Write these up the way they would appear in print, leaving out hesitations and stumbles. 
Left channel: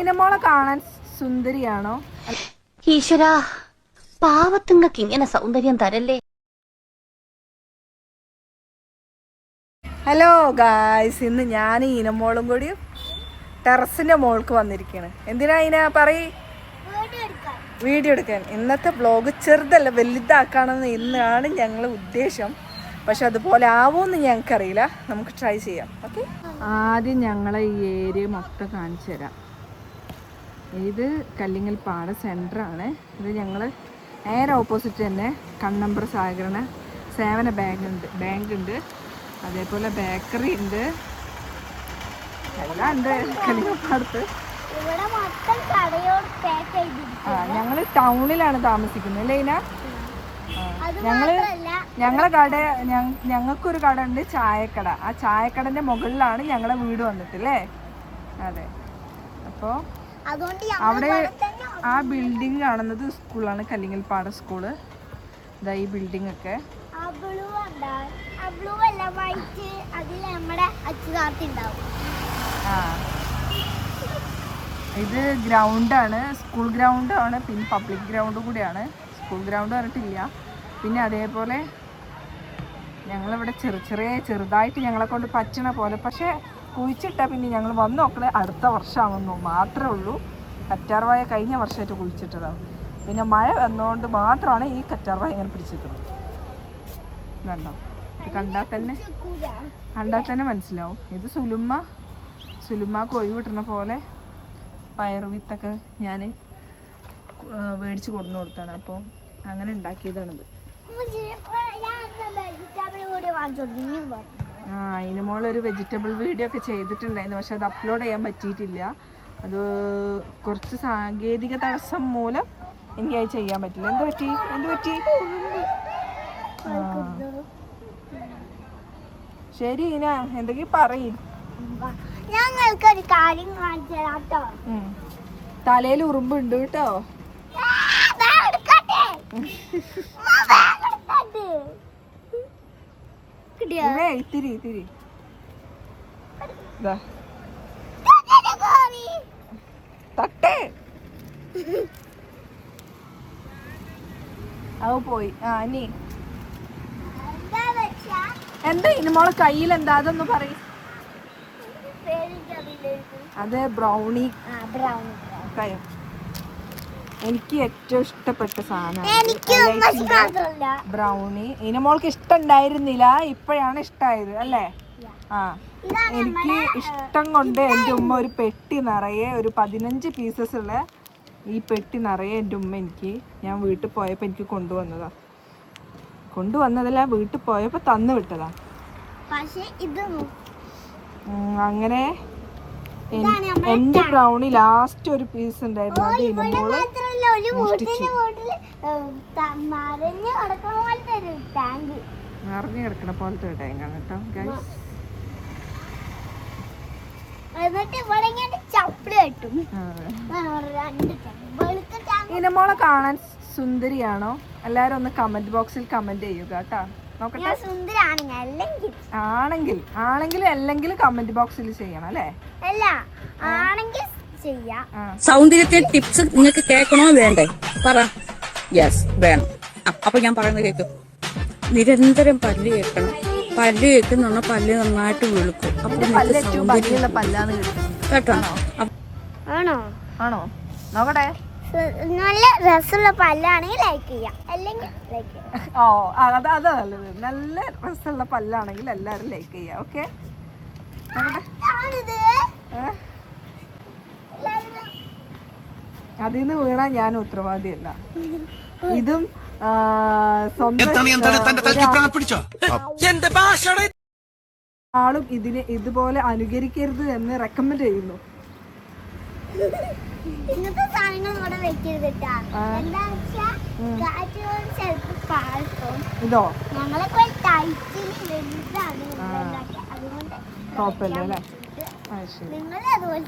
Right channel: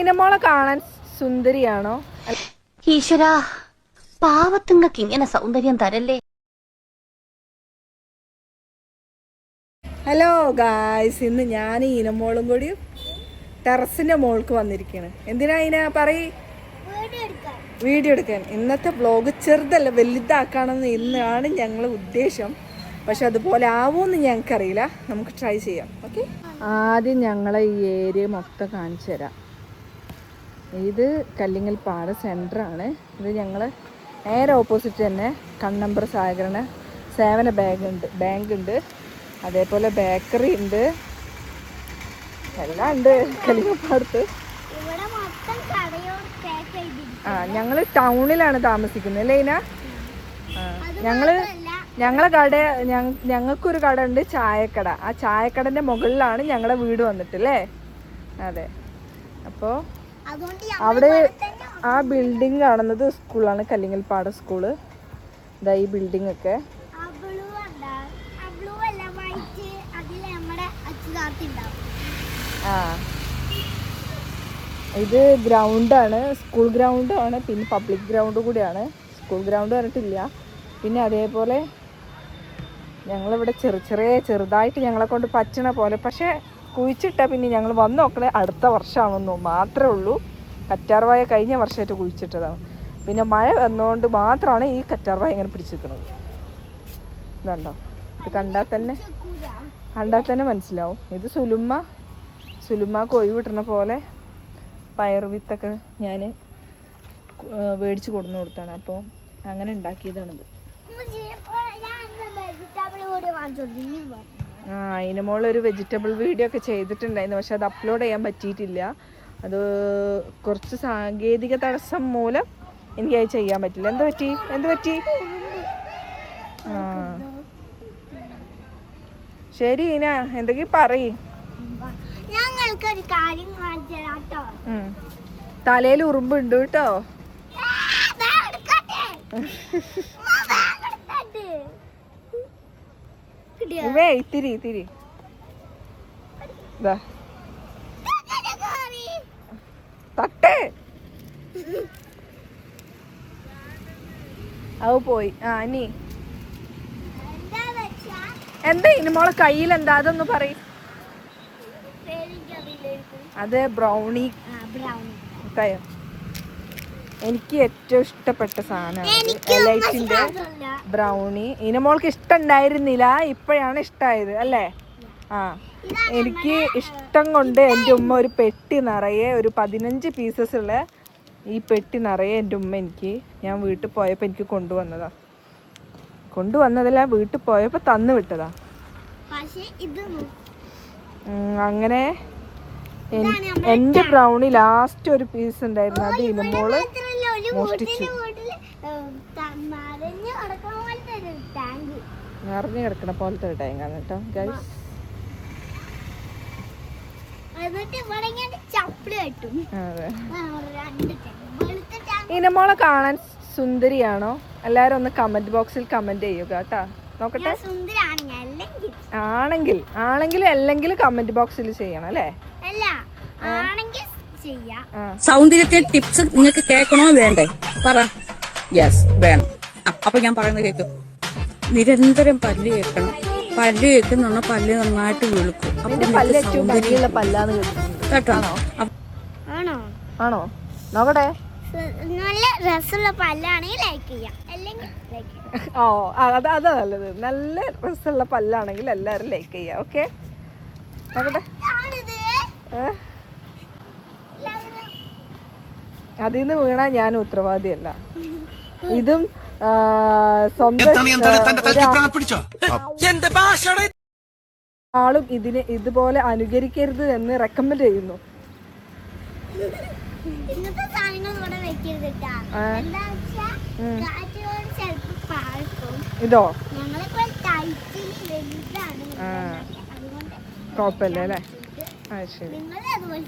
ഇനമോളെ കാണാൻ സുന്ദരിയാണോ? ഈശ്വരാ, പാവത്തുങ്ങൾക്ക് ഇങ്ങനെ സൗന്ദര്യം തരല്ലേ. ഹലോ ഗായ്സ്, ഇന്ന് ഞാൻ ഇനമോളും കൂടി ടെറസിന്റെ മോൾക്ക് വന്നിരിക്കുകയാണ്. എന്തിനാ ഇന പറയ്? വീഡിയോ എടുക്കാൻ. ഇന്നത്തെ വ്ലോഗ് ചെറുതല്ല വലുതാക്കാണെന്ന് ഇന്നാണ് ഞങ്ങൾ ഉദ്ദേശം. പക്ഷെ അതുപോലെ ആവുമെന്ന് ഞങ്ങൾക്കറിയില്ല. നമുക്ക് ട്രൈ ചെയ്യാം. ഓക്കെ, ആദ്യം ഞങ്ങളെ ഈ ഏരിയ മൊത്തം കാണിച്ചു തരാം. ഇത് കല്ലിങ്ങൽ പാട സെൻറ്ററാണ്. ഇത് ഞങ്ങൾ നേരെ ഓപ്പോസിറ്റ് തന്നെ കണ്ണമ്പ്ര സഹകരണ സേവന ബാങ്ക് ഉണ്ട്, അതേപോലെ ബേക്കറി ഉണ്ട്, എല്ലാം ഉണ്ട് കല്ലിങ്ങൽപ്പാടത്ത്. ഞങ്ങൾ ടൗണിലാണ് താമസിക്കുന്നത് അല്ലേ ഇന? ഞങ്ങളെ കട ഞങ്ങൾക്കൊരു കട ഉണ്ട്, ചായക്കട. ആ ചായക്കടന്റെ മുകളിലാണ് ഞങ്ങളെ വീട് വന്നിട്ടില്ലേ? അതെ. അപ്പോൾ അവിടെ ആ ബിൽഡിംഗ് കാണുന്നത് സ്കൂളാണ്, കല്ലിങ്ങൽപ്പാട സ്കൂള്. ഇതാ ഈ ബിൽഡിംഗ് ഒക്കെ. ഇത് ഗ്രൗണ്ടാണ്, സ്കൂൾ ഗ്രൗണ്ടാണ്, പിന്നെ പബ്ലിക് ഗ്രൗണ്ട് കൂടിയാണ്. സ്കൂൾ ഗ്രൗണ്ട് പറഞ്ഞിട്ടില്ല. പിന്നെ അതേപോലെ ഞങ്ങളിവിടെ ചെറുതായിട്ട് ഞങ്ങളെ കൊണ്ട് പറ്റണ പോലെ, പക്ഷെ കുഴിച്ചിട്ടാൽ പിന്നെ ഞങ്ങൾ വന്ന് നോക്കണേ അടുത്ത വർഷമാകുന്നു മാത്രമേ ഉള്ളൂ. കറ്റാർവായ കഴിഞ്ഞ വർഷമായിട്ട് കുഴിച്ചിട്ടതാണ്. പിന്നെ മഴ വന്നുകൊണ്ട് മാത്രമാണ് ഈ കറ്റാർവായ ഇങ്ങനെ പിടിച്ചിരിക്കുന്നത്. വേണ്ടോ? ഇത് കണ്ടാൽ തന്നെ മനസ്സിലാവും. ഇത് സുലുമ്മക്ക് ഒഴിവ് കിട്ടുന്ന പോലെ പയറുവിത്തൊക്കെ ഞാൻ മേടിച്ച് കൊടുന്നു കൊടുത്താണ്. അപ്പോൾ അങ്ങനെ ഉണ്ടാക്കിയതാണിത്. അതിന് മോളൊരു വെജിറ്റബിൾ വീഡിയോ ഒക്കെ ചെയ്തിട്ടുണ്ടായിരുന്നു, പക്ഷെ അത് അപ്ലോഡ് ചെയ്യാൻ പറ്റിയിട്ടില്ല. അത് കുറച്ച് സാങ്കേതിക തടസ്സം മൂലം എനിക്കത് ചെയ്യാൻ പറ്റില്ല. എന്ത് പറ്റി? ശരി ഇന, എന്തെങ്കിലും പറയും. ഞങ്ങൾക്കൊരു കാര്യം തലയിൽ ഉറുമ്പുണ്ട് കേട്ടോ. ഇത്തിരി തട്ടേ അവ പോയി. നീ എന്താ ഇനി മോളെ കയ്യിൽ എന്താ? അതൊന്ന് പറയും. അത് ബ്രൗണി. എനിക്ക് ഏറ്റവും ഇഷ്ടപ്പെട്ട സാധനം ബ്രൗണി. ഇനമോൾക്ക് ഇഷ്ടം ഉണ്ടായിരുന്നില്ല, ഇപ്പോഴാണ് ഇഷ്ടമായത് അല്ലേ? എനിക്ക് ഇഷ്ടം കൊണ്ട് എൻ്റെ ഉമ്മ ഒരു പെട്ടി നിറയെ, ഒരു 15 പീസസ് ഉള്ള ഈ പെട്ടി നിറയെ എൻ്റെ ഉമ്മ എനിക്ക്, ഞാൻ വീട്ടിൽ പോയപ്പോൾ എനിക്ക് കൊണ്ടുവന്നതല്ല, വീട്ടിൽ പോയപ്പോൾ തന്നു വിട്ടതാ. അങ്ങനെ എന്റെ ബ്രൗണി ലാസ്റ്റ് ഒരു പീസ് ഉണ്ടായിരുന്നു. അത് ഇനമോള് നിറഞ്ഞു കിടക്കണ പോലത്തെ ടാങ്കാണ് കേട്ടോ ഗൈസ്. ഇനമോളെ കാണാൻ സുന്ദരിയാണോ? എല്ലാരും ഒന്ന് കമന്റ് ബോക്സിൽ കമന്റ് ചെയ്യുക കേട്ടോ. നോക്കട്ടെ. ആണെങ്കിൽ അല്ലെങ്കിൽ കമന്റ് ബോക്സിൽ ചെയ്യണം അല്ലേ? സൗന്ദര്യത്തെ ടിപ്സ് നിങ്ങൾക്ക് കേൾക്കണോ വേണ്ടേ? പറ. യെസ്, വേണം. അപ്പൊ ഞാൻ പറയുന്നത് കേൾക്കും. നിരന്തരം പല്ല് കേൾക്കണം. പല്ല് കേൾക്കുന്ന പല്ല് നന്നായിട്ട് വെളുക്കും. അപ്പൊ നിങ്ങൾക്ക് സൗന്ദര്യമുള്ള പല്ലാണ് കേട്ടോ. ആണോ? നോക്കട്ടെ. നല്ല രസമുള്ള പല്ലാണെങ്കിൽ ലൈക്ക് ചെയ്യാം, അല്ലെങ്കിൽ ലൈക്ക് ചെയ്യാം. അതാ നല്ലത്. നല്ല രസമുള്ള പല്ലാണെങ്കിൽ എല്ലാവരും ലൈക്ക് ചെയ്യാം. ഓക്കെ, അതിന്ന് വീണാ ഞാൻ ഉത്തരവാദിയല്ല. ഇതും ആളും ഇതിനെ ഇതുപോലെ അനുകരിക്കരുത് എന്ന് റെക്കമെൻഡ് ചെയ്യുന്നു. ഇങ്ങനത്തെ സാധനങ്ങൾ ഇവിടെ വെക്കരുത്. ഇതോ ഞങ്ങളൊക്കെ ടൈറ്റിന് വലുതാണ്, അതുകൊണ്ട് കുഴപ്പമില്ല അല്ലേ? നിങ്ങൾ അതുപോലെ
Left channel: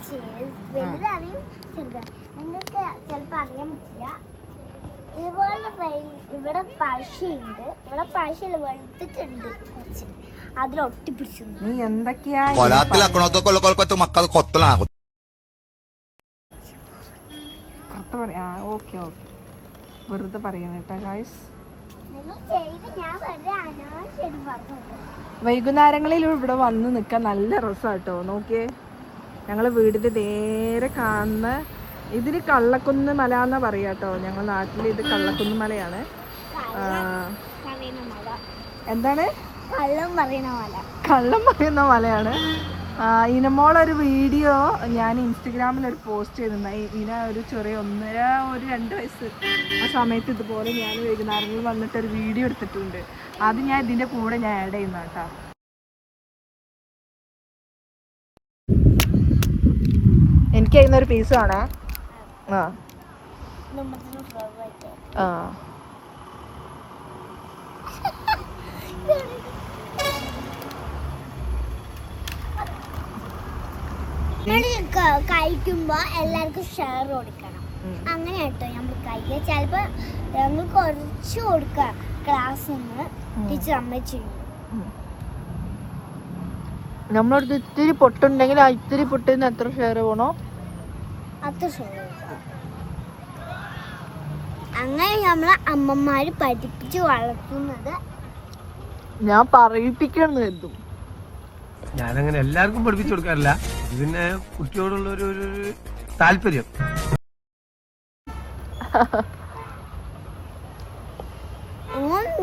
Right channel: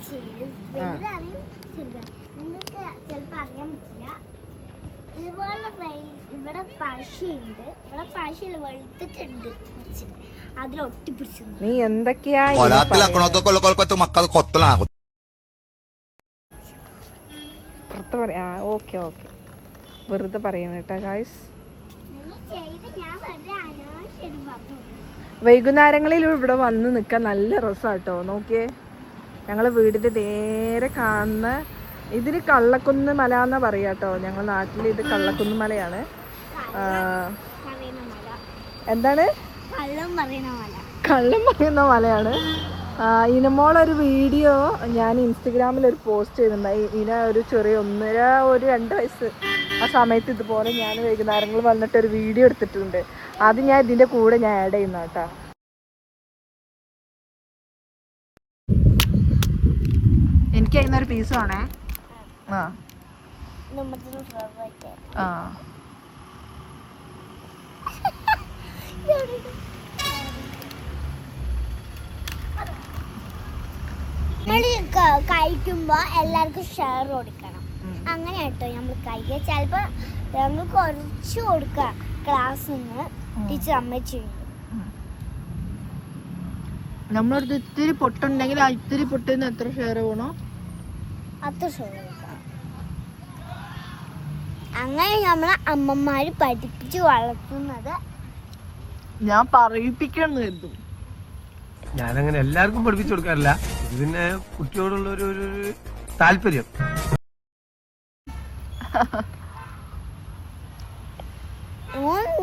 വലുതാണെങ്കിൽ ചെറുതാണ്. നിങ്ങൾക്ക് ചിലപ്പോ അറിയാൻ പറ്റില്ല. ഇതുപോലെ ഇവിടെ പശയുണ്ട്, ഇവിടെ പശയിൽ വെളുത്തിട്ടുണ്ട് കുറച്ച്, അതിലൊട്ടിപ്പിടിച്ചു. നീ എന്തൊക്കെയാ പുറത്ത് പറയാ. ഓക്കെ ഓക്കെ, വെറുതെ പറയുന്ന കേട്ടോ ഗായ്സ്. വൈകുന്നേരങ്ങളിൽ ഇവിടെ വന്ന് നിൽക്കാൻ നല്ല രസമാട്ടോ. നോക്കിയേ, ഞങ്ങളെ വീടിന്റെ നേരെ കാണുന്ന ഇതിന് കള്ളക്കുന്ന് മല എന്നാ പറയാട്ടോ. ഞങ്ങളുടെ നാട്ടിൽ ഇത് കള്ളക്കുന്ന് മലയാണ്. എന്താണ്? കള്ളം പറയുന്ന മലയാണ്. ഇനമോളൊരു വീഡിയോ ഞാൻ ഇൻസ്റ്റഗ്രാമിൽ ഒരു പോസ്റ്റ് ചെയ്തിട്ടുണ്ട്. ഇന ഒരു ചെറിയ 2 വയസ്സ് ആ സമയത്ത് ഇതുപോലെ ഞാൻ വൈകുന്നേരങ്ങളിൽ വന്നിട്ട് ഒരു വീഡിയോ എടുത്തിട്ടുണ്ട്. അത് ഞാൻ ഇതിന്റെ കൂടെ ഞാൻ ആഡ് ചെയ്യുന്ന കേട്ടോ. എനിക്ക് അതിനൊരു പീസ് ആണേ. ആ ആ കഴിക്കുമ്പോ എല്ലാവർക്കും ഷെയർ കൊടുക്കണം. അങ്ങനെ കേട്ടോ നമ്മൾ കഴിക്കുക. ചിലപ്പോ ഞങ്ങൾ കുറച്ച് കൊടുക്കാം ക്ലാസ് നിന്ന് ടീച്ചർ അമ്മച്ചിട്ടുണ്ട്. നമ്മളടുത്ത് ഇത്തിരി പൊട്ടുണ്ടെങ്കിൽ ആ ഇത്തിരി പൊട്ടിന്ന് എത്ര ഷെയർ വേണോ അത്ര ഷെയർ. അങ്ങനെ നമ്മളെ അമ്മമാര് പഠിപ്പിച്ച് വളർത്തുന്നത് ഞാൻ പറയിപ്പിക്കണം കരുതും. ഞാനങ്ങനെ എല്ലാവർക്കും പഠിപ്പിച്ചു കൊടുക്കാറില്ല. ഇത് പിന്നെ കുട്ടിയോടുള്ള ഒരു താല്പര്യം.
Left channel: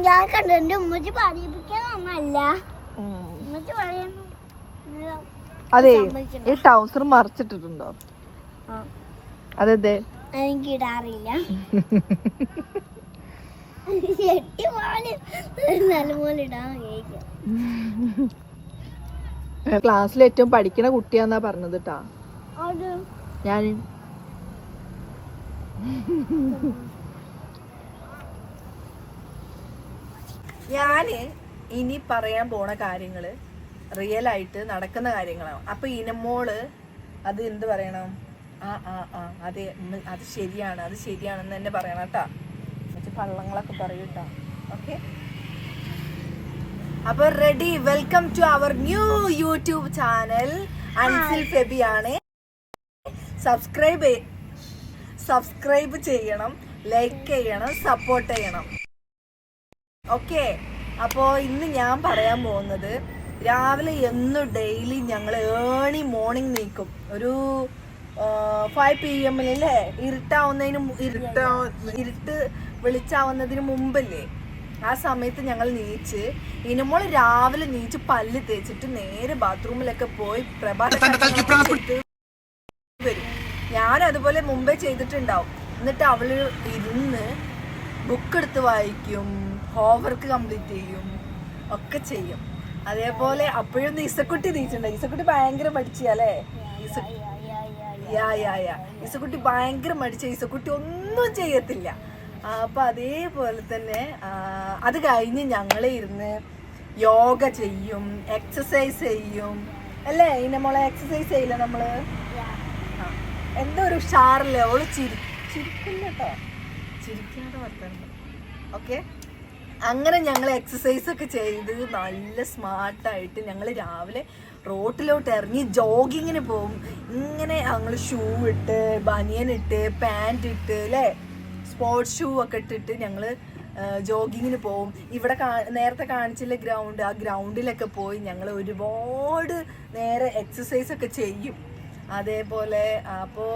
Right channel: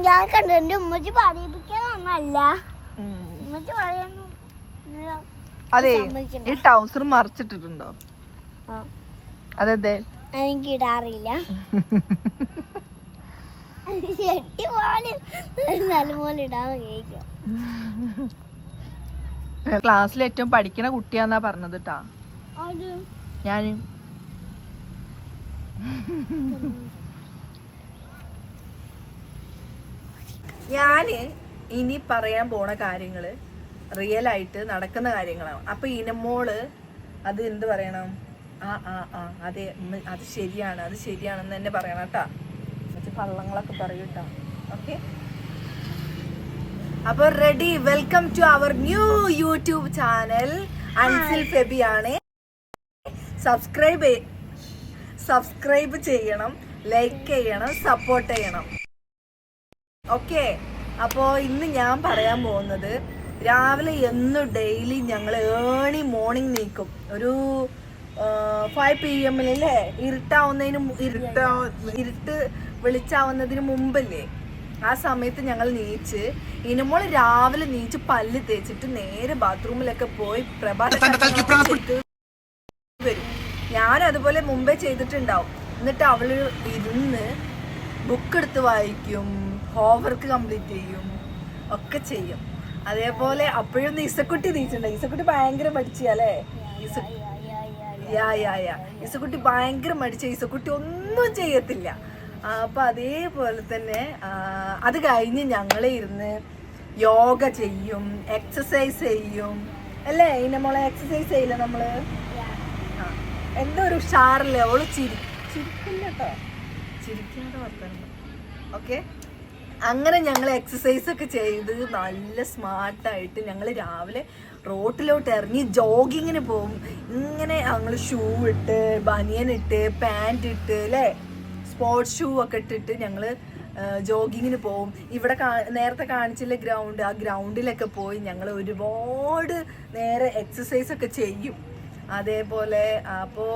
ഞാൻ കണ്ടു. എന്റെ ഉമ്മച്ചി പറയിപ്പിക്കാനൊന്നല്ല, ഉമ്മച്ചി പറയുന്നു. അതെ, ഈ ട്രൗസർ മറിച്ചിട്ടിട്ടുണ്ടോ? അതെ, എനിക്ക് ഇടാറില്ല. നല്ലപോലെ ഇടാൻ കഴിക്കാം. ക്ലാസ്സിൽ ഏറ്റവും പഠിക്കണ കുട്ടിയാന്നാ പറഞ്ഞത് ട്ടാ. ഞാന് ഇനി പറയാൻ പോണ കാര്യങ്ങള് റിയൽ ആയിട്ട് നടക്കുന്ന കാര്യങ്ങളാണ്. അപ്പൊ ഇനമോള് അത് എന്ത് പറയണം? അതെ, അത് ശരിയാണ്, അത് ശരിയാണെന്ന് തന്നെ പറയണം കേട്ടാ. കള്ളങ്ങളൊക്കെ പറയൂട്ടാ. ഓക്കെ, അപ്പൊ ready. Welcome to our new YouTube channel. Ansil Febi ആണ്. സബ്സ്ക്രൈബ് ചെയ്യണം, ലൈക്ക് ചെയ്യണം, സപ്പോർട്ട് ചെയ്യണം. ഓക്കെ, അപ്പോ ഇന്ന് ഞാൻ പറയാൻ പോകുന്നത്, രാവിലെ എന്നും ഡെയിലി ഞങ്ങൾ ഏർലി മോർണിംഗ് നീക്കും. ഒരു 5 PM ഇരുട്ട് വെളിച്ചാവുന്നതിന് മുമ്പല്ലേ, ആ സമയത്ത് ഞങ്ങൾ നീച്ച് ഇനമോള് രാവിലെ നീച്ച് പല്ല് തേച്ചിട്ട് നേരെ ബാത്റൂമിലൊക്കെ പോയി വരും. ഞാൻ അതുപോലെ മുമ്പേ ചെയ്തിട്ടുണ്ടാവും. എന്നിട്ട് അവള് ഇരുന്ന് ബുക്ക് എടുത്ത് വായിക്കും, ഹോംവർക്ക് കംപ്ലീറ്റ് ചെയ്യും, ഒക്കെ ചെയ്യും. അതേപോലെ അപ്പോഴൊന്നും ഇസക്കുട്ടി നീച്ചിട്ടുണ്ട്. ഇസക്കുട്ടി ഭയങ്കര മടിച്ചല്ലേ. ഇസക്കുട്ടി ഭയങ്കര മടിച്ച. ഇസക്കുട്ടി ഒന്നും ചെയ്യത്തില്ല. അപ്പൊ അതേപോലെ തന്നെ അത് കഴിഞ്ഞ് ഞങ്ങളെ ഇരുന്ന് യോഗ ചെയ്യും, എക്സസൈസ് ചെയ്യും അല്ലേ. നമ്മളെ എക്സസൈസ് ചെയ്യില്ല നമ്മള്. എന്തോ ഒരു ഉഷാറില്ലേ. അവള് ചിരിക്കില്ല കേട്ടോ, ചിരിക്കാതെ വർത്തണ്ട. ഓക്കെ, അങ്ങനെ ഞങ്ങൾ എക്സസൈസ് ഒക്കെ ചെയ്ത് നല്ല സ്മാർട്ടായിട്ട് ഞങ്ങൾ രാവിലെ റോട്ടിലോട്ട് ഇറങ്ങി ജോഗിങ്ങിന് പോകും. ഇങ്ങനെ ഞങ്ങൾ ഷൂ ഇട്ട്, ബനിയൻ ഇട്ട്, പാൻറ് ഇട്ട് അല്ലേ, സ്പോർട്സ് ഷൂ ഒക്കെ ഇട്ടിട്ട് ഞങ്ങള് ജോഗിങ്ങിന് പോവും. ഇവിടെ നേരത്തെ കാണിച്ചില്ല ഗ്രൗണ്ട്, ആ ഗ്രൗണ്ടിലൊക്കെ പോയി ഞങ്ങൾ ഒരുപാട് നേരെ എക്സസൈസ് ഒക്കെ ചെയ്യും. അതേപോലെ അപ്പോൾ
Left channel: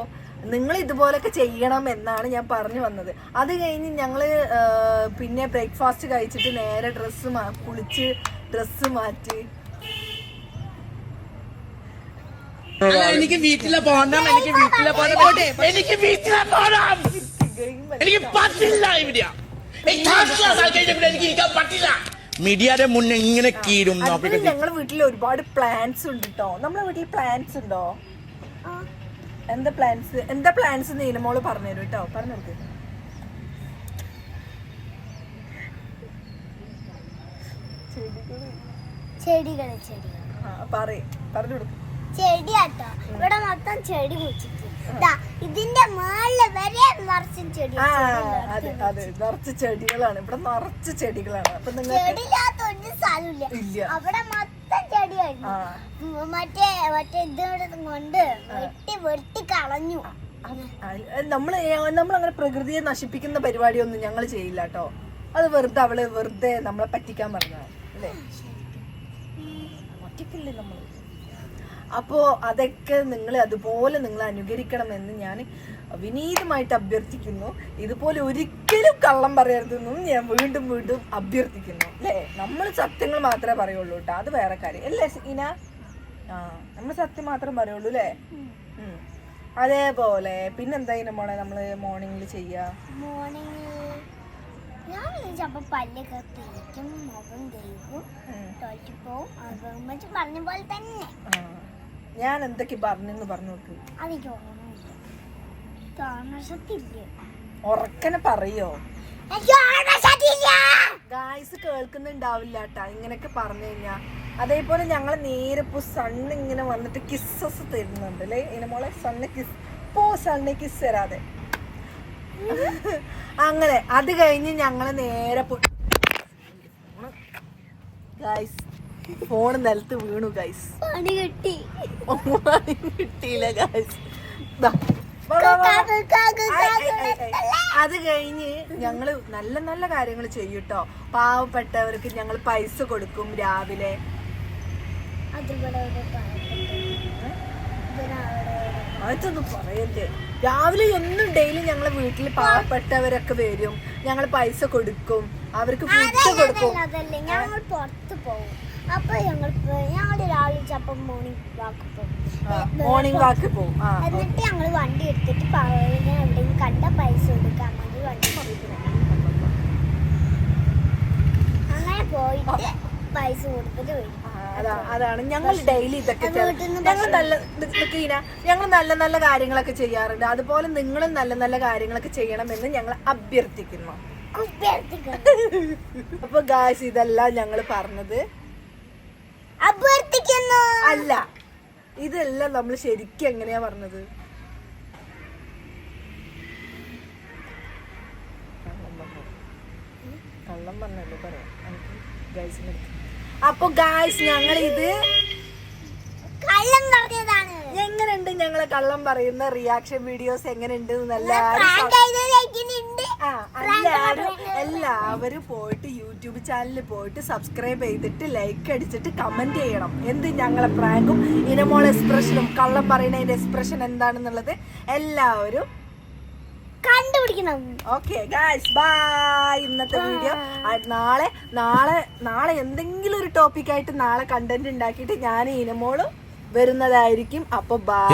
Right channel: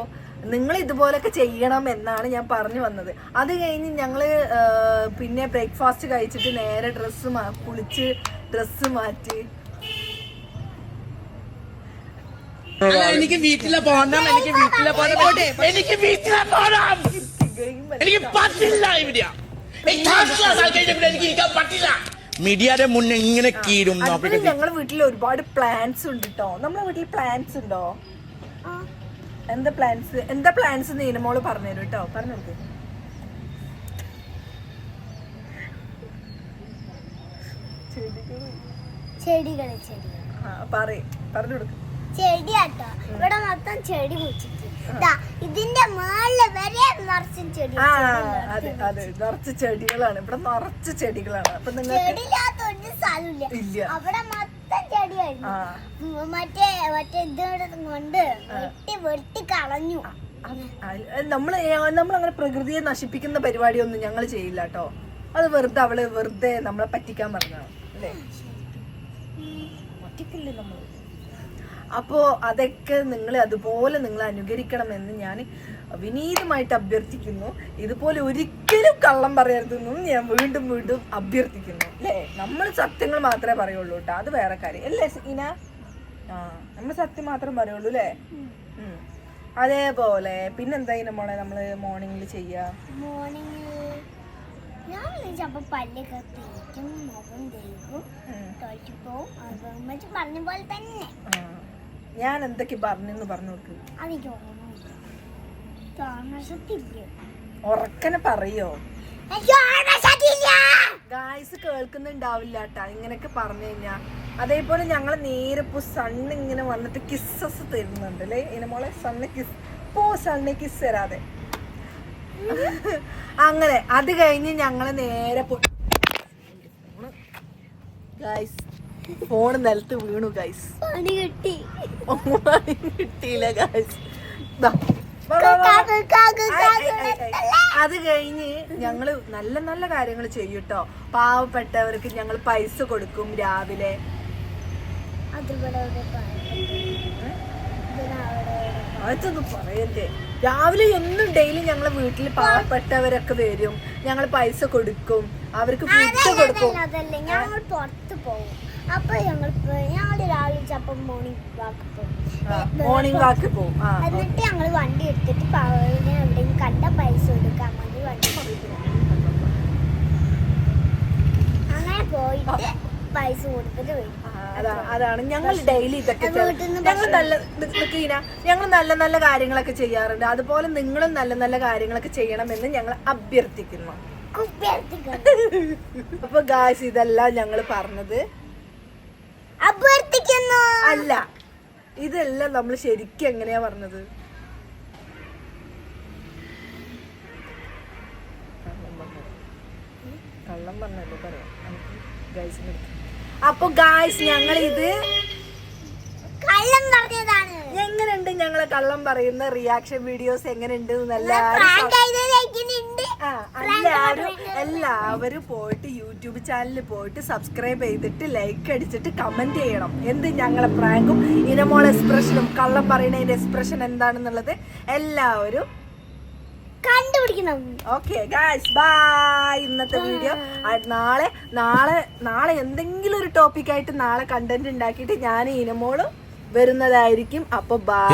നിങ്ങൾ ഇതുപോലൊക്കെ ചെയ്യണം എന്നാണ് ഞാൻ പറഞ്ഞു വന്നത്. അത് കഴിഞ്ഞ് ഞങ്ങള് പിന്നെ ബ്രേക്ക്ഫാസ്റ്റ് കഴിച്ചിട്ട് നേരെ കുളിച്ച് ഡ്രസ്സ് മാറ്റി എനിക്ക് വീട്ടിലെ പോകണം, എനിക്ക് വീട്ടിലെ പോകണം, എനിക്ക് വീട്ടിലെ പോകണം, എനിക്ക് പറ്റില്ല. ഇവിടെ എനിക്ക് ഇരിക്കാൻ പറ്റില്ല. മീഡിയയുടെ മുന്നേ ഇങ്ങനെ കീഴും. ഞങ്ങളുടെ വീട്ടിൽ ഒരുപാട് പ്ലാന്റ്സ് ഉണ്ട് കേട്ടോ. നമ്മളെ വീട്ടിൽ പ്ലാന്റ്സ് ഉണ്ടോ? എന്താ പ്ലാന്റ്സ് നീനമോള് പറഞ്ഞുതരും കേട്ടോ. പറഞ്ഞു കൊടുക്കും. പറഞ്ഞു കൊടുക്കും. ചെടിയാട്ടോ, ഇവിടെ മൊത്തം ചെടി കുഴിച്ചിട്ട് ഇതിന്റെ മേളില് വരെ നിറച്ചും ചെടി. അതെ, നിറച്ച് ചെടികളാണ് ഇവിടെ, നിറച്ച് ചെടികളാണ്. അപ്പൊ ചെടിയില്ലാത്ത ഒരു സ്ഥലമില്ല. അവിടെ മൊത്തം ചെടിയായിരുന്നു. മറ്റേ ഇതോടെ കൊണ്ട് വെട്ടി കളഞ്ഞു. നമ്മളങ്ങനെ പ്രകൃതിയെ നശിപ്പിക്കുന്ന പരിപാടിയൊന്നും ഞങ്ങൾ ചെയ്യില്ല കേട്ടോ. അത് വെറുതെ നമ്മളെ പറ്റിക്കാൻ പറഞ്ഞതാണ് അല്ലേ? പറ്റിക്കില്ലേ നമ്മൾ? അപ്പോ അതൊക്കെ നിങ്ങൾ അതുപോലെ നിങ്ങൾ അനുകരിക്കണമെന്ന് ഞാൻ വിനീതമായിട്ട് അഭ്യർത്ഥിക്കുന്നു. ഇതുപോലെ ഒരിക്കലും കള്ളം പറയരുതെന്നും ഞാൻ വീണ്ടും വീണ്ടും അഭ്യർത്ഥിക്കുന്നു അല്ലേ? നമ്മൾ സത്യങ്ങൾ മാത്രമേ പറയുള്ളൂ കേട്ടോ, അത് വേറെ കാര്യം അല്ലേ ഇന? നമ്മൾ സത്യം മാത്രം പറയുള്ളൂ അല്ലേ? അതേപോലെ പിന്നെന്താ മോളെ നമ്മള് മോർണിംഗിൽ ചെയ്യാ? പല്ലൊക്കെ തേക്കും, മുഖം തേക്കും, തൊഴിച്ചു പോവും. പറഞ്ഞ പോലെ തന്നെ. ഞാൻ എന്തൊക്കെ പറഞ്ഞെന്ന് പറഞ്ഞു നോക്ക്. അതെനിക്ക് ഉറക്കനെ പറയോ? ഗായ്സ് കേൾക്കുന്നുണ്ടാവില്ല കേട്ടാ ഇങ്ങനെയൊക്കെ പറഞ്ഞു കഴിഞ്ഞാ. അതേപോലെ ഞങ്ങള് നേരെ ഇപ്പൊ സണ്ണ് ഇങ്ങനെ വന്നിട്ട് കിസ്സസ് തരുന്നുണ്ട് അല്ലേ ഇനമോളെ? സണ്ണ് കിസ് സണ്ണ് കിസ് തരാതെ അങ്ങനെ. അത് കഴിഞ്ഞ് ഞങ്ങള് നേരെ ഗായ്സ് ഫോൺ നിലത്ത് വീണു ഗായ്സ്. പണി കിട്ടി. കിട്ടിയില്ല ഗായ്സ്. അത് കഴിഞ്ഞ് ഞങ്ങള് നല്ല നല്ല കാര്യങ്ങൾ ചെയ്യൂട്ടോ. പാവപ്പെട്ടവർക്ക് ഞങ്ങൾ പൈസ കൊടുക്കും രാവിലെ. അതൊന്നും പറയല്ലേ. രാവിലെ ഒന്നും ഡെയിലി ഞങ്ങളെ വീട്ടിൽ പാവപ്പെട്ടവരൊക്കെ വരും, ഞങ്ങൾ പൈസ കൊടുക്കും, അവർക്ക് ഫുഡ് കൊടുക്കും. ഞങ്ങൾ പുറത്ത് പോകും. അപ്പൊ ഞങ്ങള് രാവിലെ ചപ്പം മോർണിംഗ് വാക്ക് പോകും. എന്നിട്ട് ഞങ്ങള് വണ്ടി എടുത്തിട്ട് എവിടെയും കണ്ട പൈസ കൊടുക്കാൻ വേണ്ടി വണ്ടി അങ്ങനെ പോയിട്ട് പൈസ കൊടുത്തിട്ട് വരും. അതാണ് ഞങ്ങൾ ഡെയിലി ഇതൊക്കെ ഞങ്ങൾ നല്ല നല്ല കാര്യങ്ങളൊക്കെ ചെയ്യാറുണ്ട്. അതുപോലെ നിങ്ങളും നല്ല നല്ല കാര്യങ്ങളൊക്കെ ചെയ്യണമെന്ന് ഞങ്ങൾ അഭ്യർത്ഥിക്കുന്നു. അപ്പൊ ഗായ്സ് ഇതെല്ലാം ഞങ്ങൾ പറഞ്ഞത് അഭ്യർത്ഥിക്കുന്നു അല്ല, ഇതെല്ലാം നമ്മൾ ശരിക്കും എങ്ങനെയാ പറഞ്ഞത്? കള്ളം പറഞ്ഞല്ലോ പറയാം ഗായ്സിന്. അപ്പൊ ഗായ്സ് ഞങ്ങൾ ഇത് കള്ളം പറഞ്ഞതാണ്. എങ്ങനെയുണ്ട് ഞങ്ങളെ കള്ളം പറയുന്ന റിയാക്ഷൻ വീഡിയോസ് എങ്ങനെയുണ്ട്? എല്ലാവരും പോയിട്ട് യൂട്യൂബ് ചാനലിൽ പോയിട്ട് സബ്സ്ക്രൈബ് ചെയ്തിട്ട് ലൈക്ക് അടിച്ചിട്ട് കമന്റ് ചെയ്യണം. എന്ത് ഞങ്ങളെ പ്രാങ്കും ഇനമോൾ എക്സ്പ്രഷനും കള്ളം പറയുന്നതിന്റെ എക്സ്പ്രഷൻ എന്താണെന്നുള്ളത് എല്ലാവരും കണ്ടുപിടിക്കണം. Okay guys bye. ഇന്നത്തെ വീഡിയോ നാളെ എന്തെങ്കിലും ഒരു ടോപ്പിക് ആയിട്ട് നാളെ കണ്ടന്റ് ഉണ്ടാക്കിയിട്ട് ഞാൻ ഇനമോളും വരുന്നതായിരിക്കും. അപ്പൊ ബൈ.